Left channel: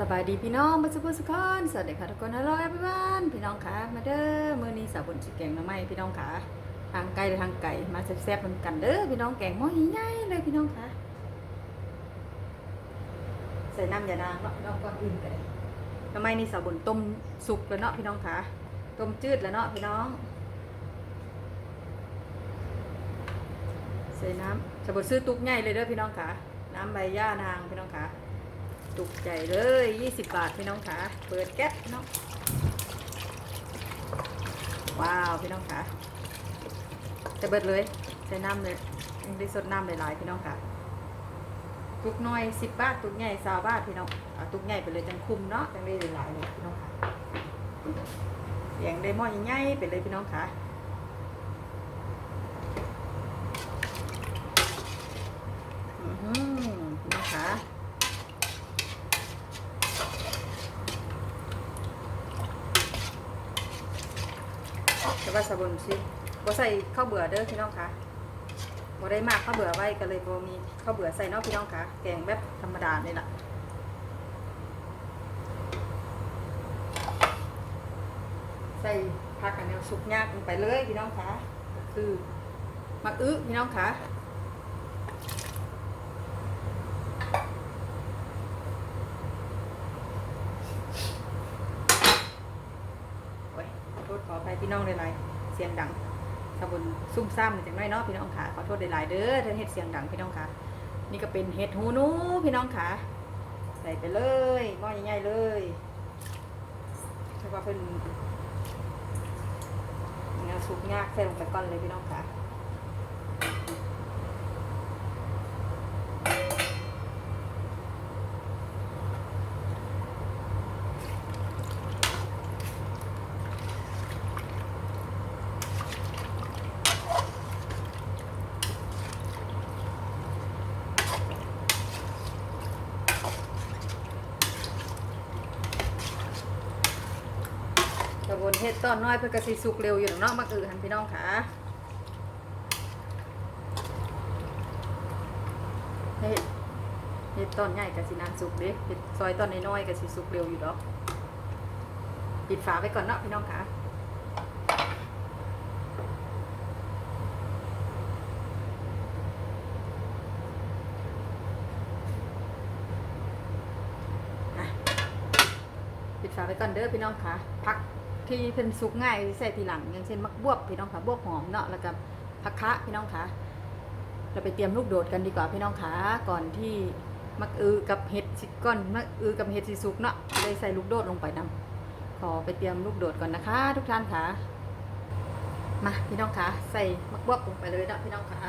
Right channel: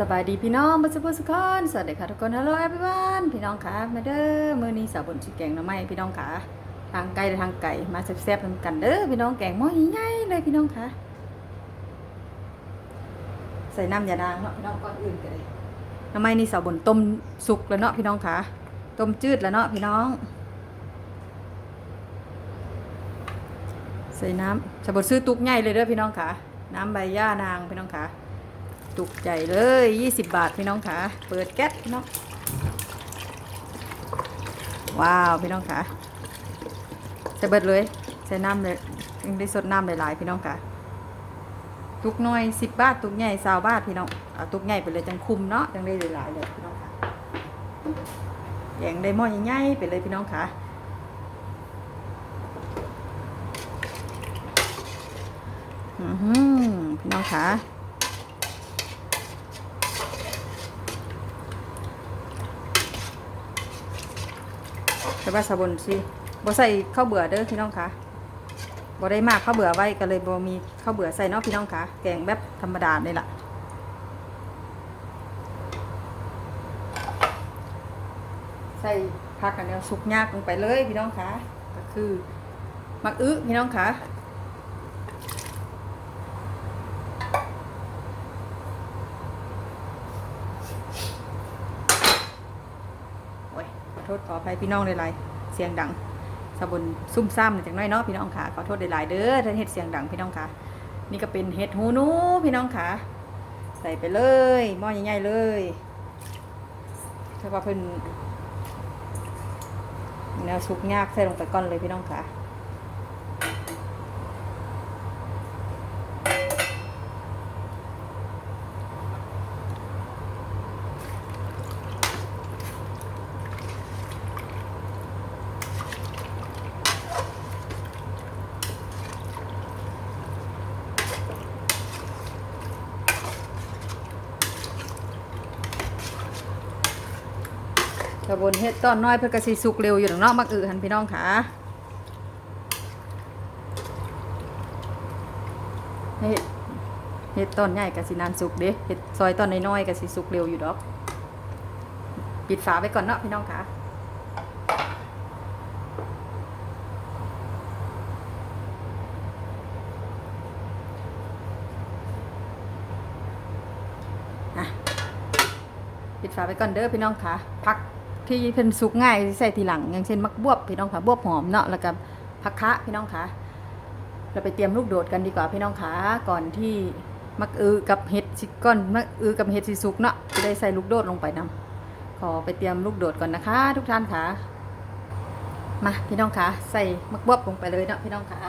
สบายดีพี่น้องบัสบุสกอนสวัสดีค่ะทุกคนฮัลโหล everyone พี่น้องค่ะมาเด้อมื้อนี้สาวบนสิแกงน่อไม้พี่น้องค่ะทางไกลทางไก่มาแซ่บๆนกันเด้อพี่น้องแกงหม้อใหญ่ๆเลยพี่น้องค่ะใส่น้ำยานางเนาะพี่น้องก็อื่นกันเลยน่อไม้นี่สาวบนต้มสุกแล้วเนาะพี่น้องค่ะต้มจืดแล้วเนาะพี่น้อง ใส่น้ำสาวบนซื้อตุกใหญ่เลยเด้อพี่น้องค่ะ น้ำใบย่านางพี่น้องค่ะ จุกใจเลย 20 บาทพี่น้องค่ะ เปิดแก๊สพี่น้องว้าวพี่น้องค่ะใส่เบิดเลยใส่น้ำเลยยังได้สดน้ำหลายๆพี่น้องค่ะ ตุกน้อย10 บาท ตุกใหญ่20บาทพี่น้องเอาตุกใหญ่ไปเลยจังคุมเนาะจังได้หลายๆเลยพี่น้องค่ะอย่างได้หม้อใหญ่ๆไปเลยพี่น้องค่ะ อือหือพี่น้องค่ะ แต่ว่าสะบนสิบ่ใส่ข้าวเบื่อเด้อพี่น้องคะบ่ได้มากข้าวเบื่อไว้ก็เลยบ่มีข้าวเบื่อใส่เนาะพี่น้องคะแกงแบบธรรมดานี่แหละใส่ผักอันเนี้ยสุกยากลงไปเลยพี่น้องคะก็คือมักอึพี่น้องคะโอ้ยข อโทษขออภัยพี่น้องหลายๆเสียงดังสะบนซุ่มซ่ามหน่อยจังน้อยเนาะพี่น้องค่ะขอโทษหลายๆเด้อท่านเห็ดเสียงดังพี่น้องค่ะ นี่ก็เป็นเห็ดหูนูพี่น้องค่ะ ใส่ไปเลยหม้อใหญ่ๆเลยถ้าว่าเพิ่นแนวสุกยากใส่ลงไปก้อนเลยพี่น้องค่ะ กระบวนเฮ็ดตอนน้อยเพื่อกระสีสุกเร็วอยู่หรอกนาะมักอือหันพี่น้องค่ะเฮ็ดเฮ็ดตอนใหญ่กระสีนานสุกเด้เฮ็ดซอยตอนน้อยๆกระสีสุกเร็วอยู่ดอก ปิดฝาไว้ก่อนเนาะพี่น้องค่ะปิดฝาไว้ก่อนเด้อพี่น้องค่ะผัก ที่เพิ่นสุกง่ายใส่ทีหลัง อย่างเช่นมักบวบพี่น้องค่ะบวบหอมเนาะแล้วก็ผักคะพี่น้องค่ะเราไปเตรียมลูกโดดกันดีกว่าพี่น้องค่ะก่อนที่มักอือกับเห็ดสิก้อนมักอือกับเห็ดสิสุกเนาะจะได้ใส่ลูกโดดลงไปนํขอไปเตรียมลูกโดดก่อนนะคะ ทุกท่านค่ะมาพี่น้องค่ะใส่มักบวบลงไปเลยเนาะพี่น้องค่ะ